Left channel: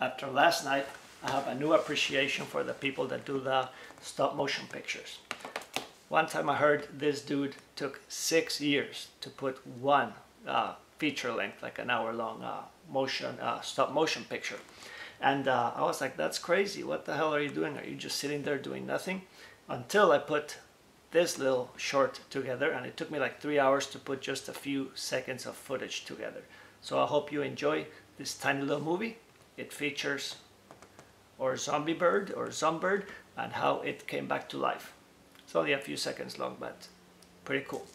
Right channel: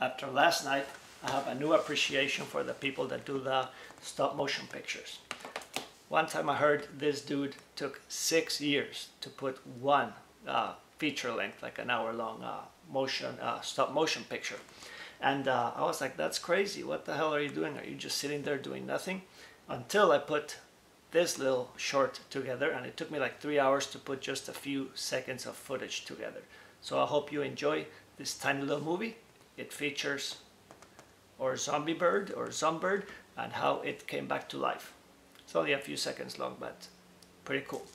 after last night, I have a new appreciation for the people that do the stop motion pictures. One time I heard this dude took 6 years to put one feature length, like an hour-long stop motion picture. And I was like, that's crazy. What the hell are you doing? Are you just sitting there doing nothing? Until I put this little short together, and it took me like 3 hours to put just a few seconds of footage together. So I hope you enjoy this tiny little movie. It features our ZOMBIRD and how it came back to life. It's only a few seconds long, but pretty cool.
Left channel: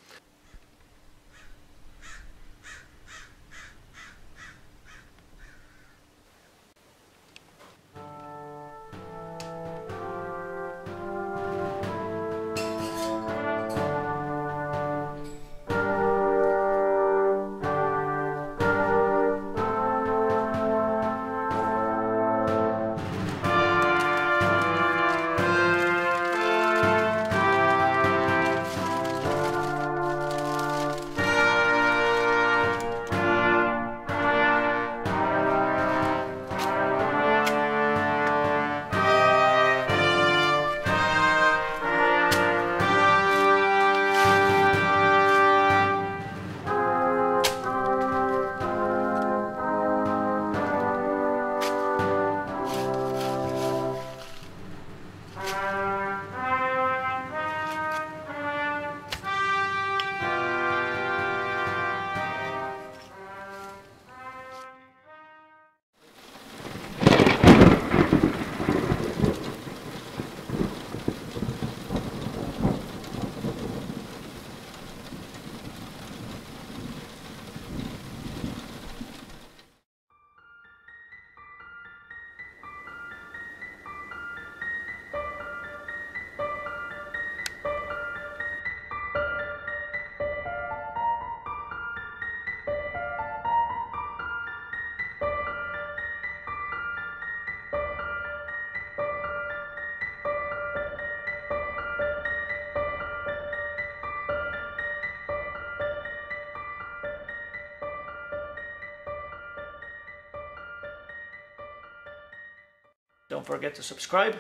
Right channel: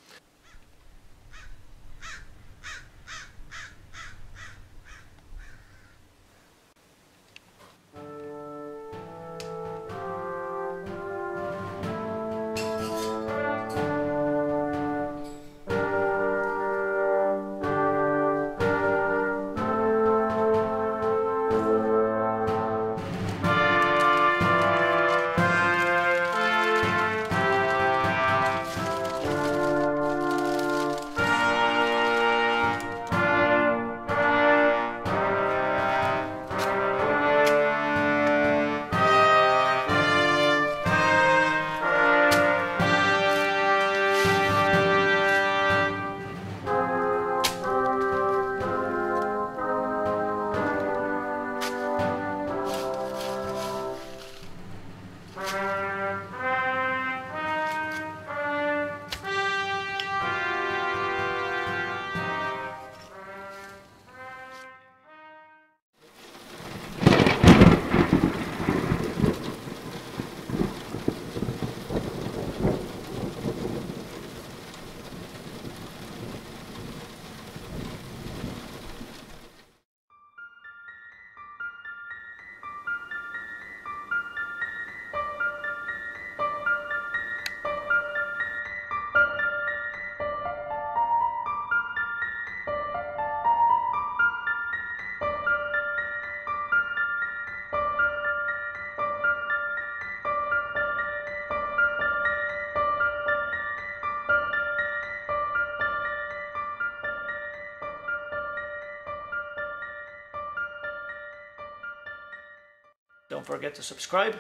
Don't forget to subscribe,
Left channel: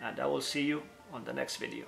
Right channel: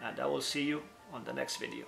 and I will see you on the next video.